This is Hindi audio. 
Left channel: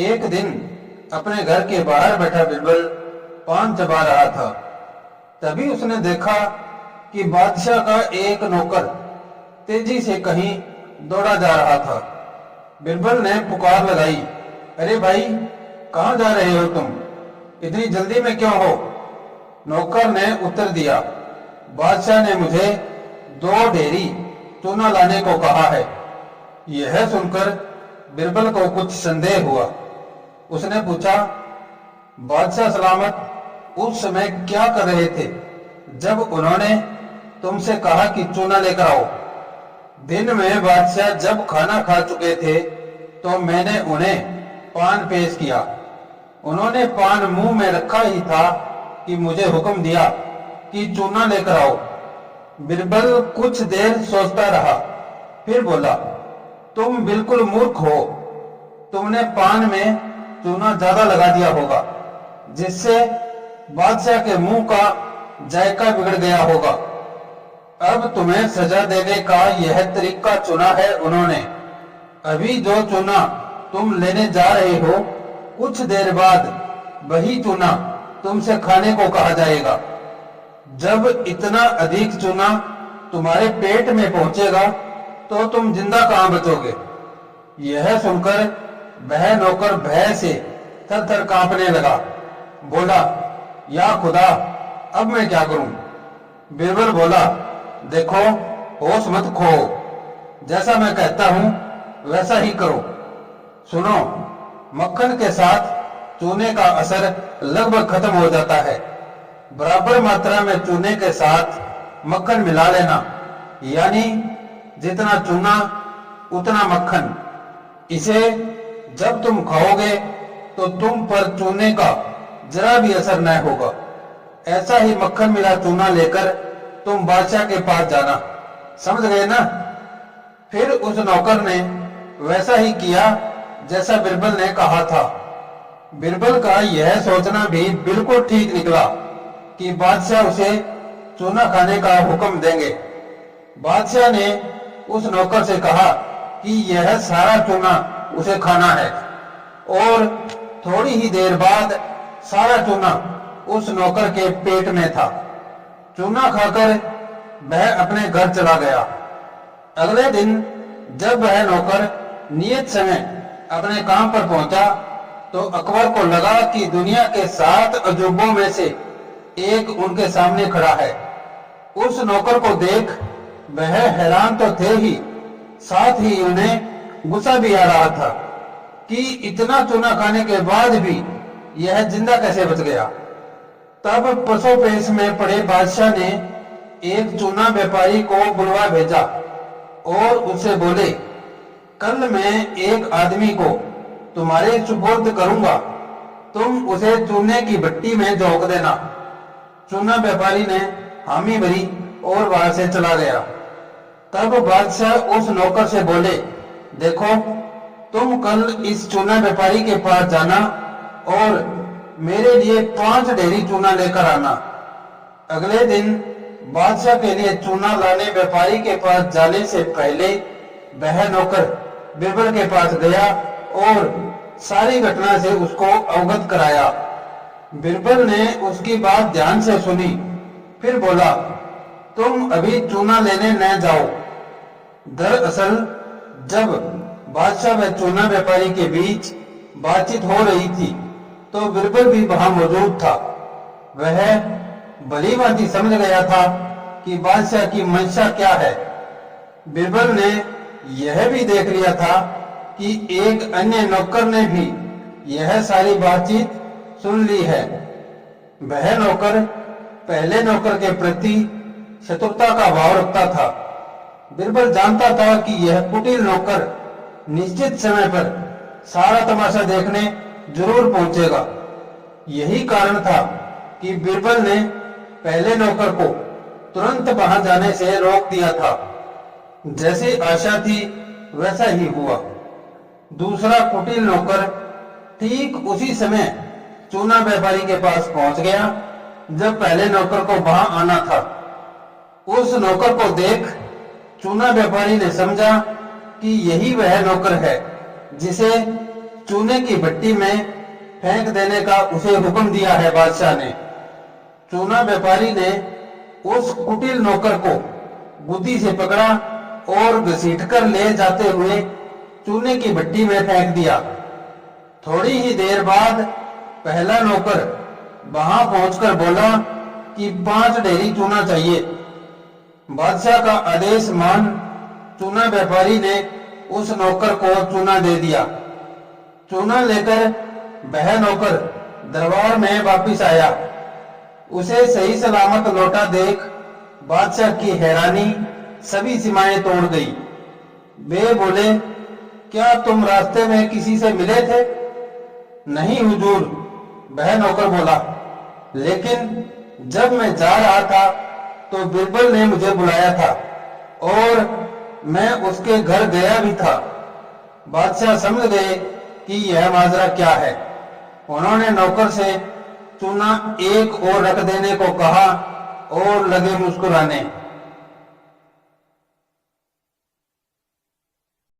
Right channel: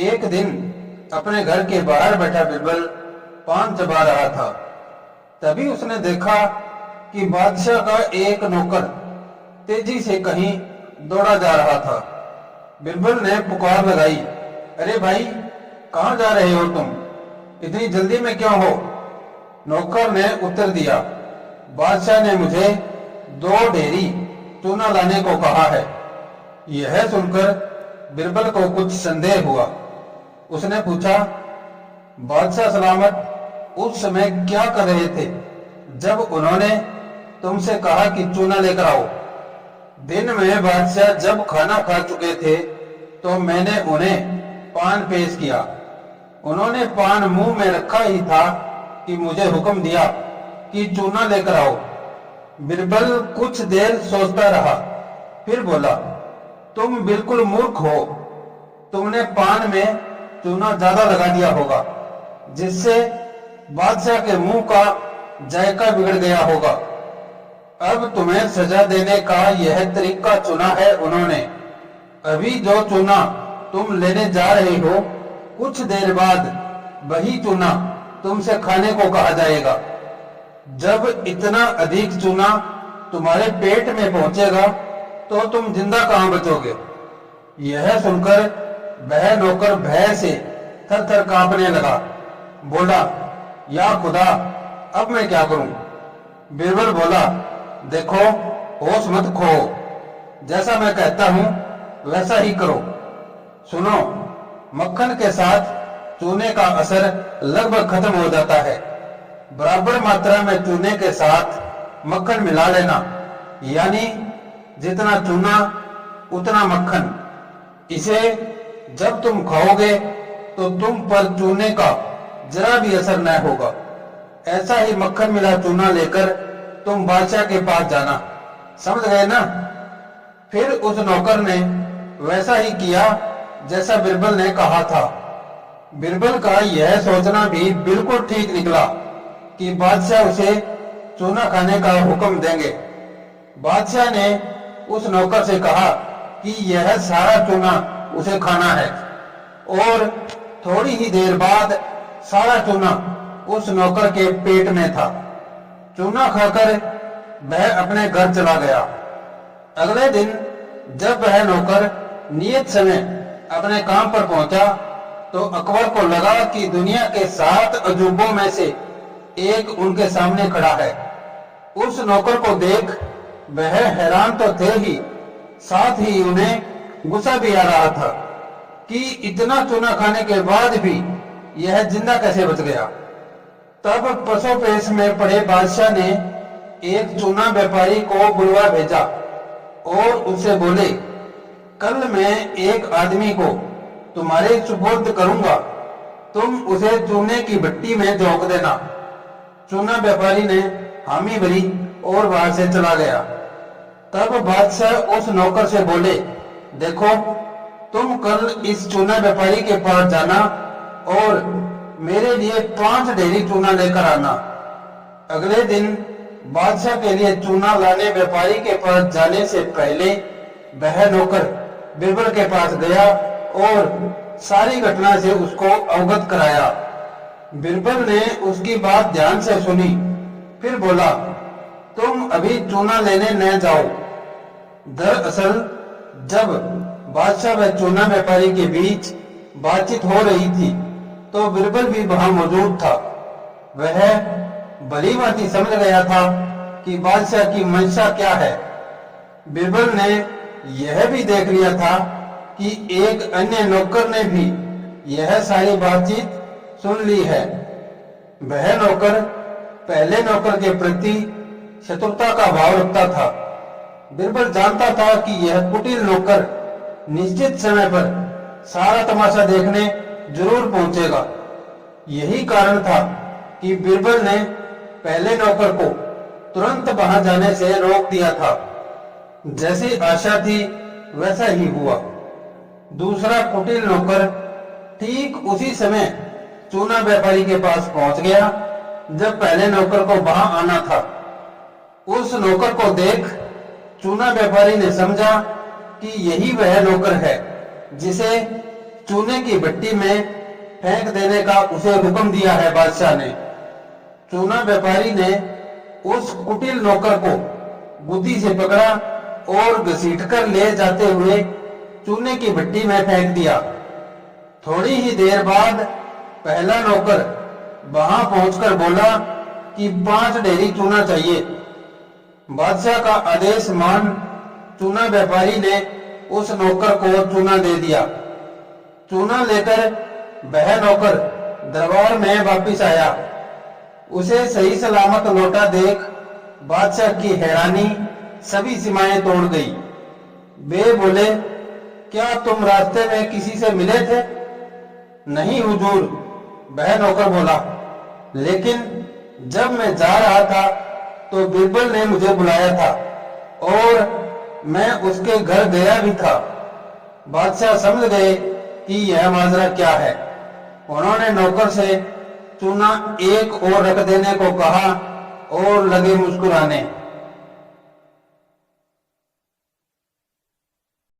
एक दिन अपने घर के बाहर बैठा बिरबल पान चबा रहा था। तभी उसने देखा कि बादशाह का एक नौकर तेजी से कहीं दौड़ा जा रहा था। बिरबल ने पुकार लगाई, अरे भाई, कहाँ जा रहे हो तुम? इतनी जल्दी में क्यों हो? नौकर ने उत्तर दिया, बादशाह ने मुझे 2 ढेरी चूना लाने को कहा है। यह सुनकर बिरबल को कुछ संदेह हुआ। उसने पूछा, बादशाह सलामत उस समय क्या कर रहे थे जब उन्होंने तुमसे कहा कि चूना लेकर आओ? दिन में बादशाह जब खाना खा चुके थे तो मैंने उन्हें पान पेश किया। उन्होंने पान मुंह में रखा ही था कि मुझे हुक्म दिया कि चूना लेकर आओ। बिरबल कुछ देर सोचता रहा, फिर बोला, तुम बिल्कुल मूर्ख हो। तुमने पान में चूना ज्यादा लगा दिया होगा, जिससे बादशाह के मुंह का जायका बिगड़ गया होगा। अब तुम्हें सजा देने का यह तरीका चुना है उन्होंने। अभी जो चूना तुम लेने जा रहे हो, कुछ देर बाद वही चूना तुमसे खाने को कहा जाएगा। जब इतना अधिक चूना तुम्हारे पेट में पहुंचेगा तो तुम जिंदा कहां बचोगे? यह सुनकर वह नौकर भय से थर थर कांपने लगा। बोला, या खुदा, अब मैं क्या करूं? बिरबल बोला, देखो, होश मत खो। जैसा मैं कहता हूं वैसा ही करो। सुनो, मक्खन के साथ चूने का असर लगभग खत्म हो जाता है। बराबर मात्रा में चूने के साथ मक्खन मिला लेना, यानी जितना चूना उतना मक्खन। इसे जब तुम खाओगे तो तुम पर चूने का जरा भी असर न होगा। ऐसा ही मक्खन मिला चूना लेकर तुम बादशाह के पास जाना। समझ गए ना? फिर उस नौकर ने वैसा ही किया जैसा बिरबल ने कहा था। बिरबल का यह सोचना भी बिल्कुल ठीक निकला कि बादशाह उसे चूना खाने का हुक्म देंगे। बादशाह ने उस नौकर से कहा कि यह सारा चूना उसे खाना है, और थोड़ी ही देर बाद सारा चूना उस नौकर के पेट में था। चूना खाकर वह अपने घर चला गया। अगले दिन जब वह नौकर नियत समय अपने काम पर पहुंचा तो अकबर को लगा कि दुनिया के 7 अजूबों में से एक उनके सामने खड़ा है। उस नौकर को देख वह हैरान तो थे ही, साथ ही उन्हें गुस्सा भी आ रहा था कि इतना चूना खाने के बाद भी यह जिंदा कैसे बच गया। तब पसोपेश में पड़े बादशाह ने एक चूना व्यापारी को बुलवा भेजा और उसे बोले, कल मैं एक आदमी को तुम्हारे सुपुर्द करूंगा, तुम उसे चूने की भट्टी में झोंक देना। चूना व्यापारी ने हामी भरी और वहां से चला गया। तब बादशाह उस नौकर से बोले, देखो, तुम कल इस चूना व्यापारी के पास जाना और मेरे लिए 5 ढेरी चूना लेकर आना। अगले दिन बादशाह के लिए चूना लाने व्यापारी के पास जाने से पहले वह नौकर बिरबल के पास गया और सारी घटना से उसको अवगत कराया। बिरबल ने उसकी बात ध्यान से सुनी, फिर बोला, तुम अभी चूना लेने न जाओ। दरअसल जब बादशाह व चूना व्यापारी के बीच बातचीत हो रही थी तो बिरबल भी वहां मौजूद था। वह भली भांति समझ गया था कि बादशाह की मंशा क्या है। बिरबल ने यह भी देख लिया था कि एक अन्य नौकर ने भी यह सारी बातचीत सुन ली है। वह नौकर पहले नौकर के प्रति शत्रुता का भाव रखता था। बिरबल जानता था कि यह कुटिल नौकर निश्चित समय पर सारा तमाशा देखने जरूर पहुंचेगा। यही कारण था कि बिरबल ने पहले नौकर को तुरंत वहां जाने से रोक दिया था। जैसी आशा थी वैसा ही हुआ। दूसरा कुटिल नौकर ठीक उसी समय चूना व्यापारी के पास पहुंच गया जब पहले नौकर को वहां आना था। उस नौकर को देख चूना व्यापारी ने समझा कि यही वह नौकर है जिसे चूने की भट्टी में फेंक देने का उसे हुक्म दिया है बादशाह ने। चूना व्यापारी ने उस कुटिल नौकर को बुद्धि से पकड़ा और घसीटकर ले जाते हुए चूने की भट्टी में फेंक दिया। थोड़ी ही देर बाद पहला नौकर वहां पहुंचकर बोला कि 5 ढेरी चूना चाहिए। बादशाह का आदेश मान चूना व्यापारी ने उस नौकर को चूना दे दिया। चूना लेकर वह नौकर दरबार में वापिस आया। उसे सही सलामत लौटा देख बादशाह की हैरानी सभी सीमाएं तोड़ गई। वे बोले, क्या तुम रास्ते में किसी से मिले थे? नहीं हुजूर, वह नौकर बोला, लेकिन जब मैं जा रहा था तो बिरबल ने मुझे बुलाया था और मैं उसके घर गया भी था। बादशाह समझ गए कि यह माजरा क्या है। उन्होंने नौकर से चूना एक और रख देने को कहा और लगे मुस्कुराने।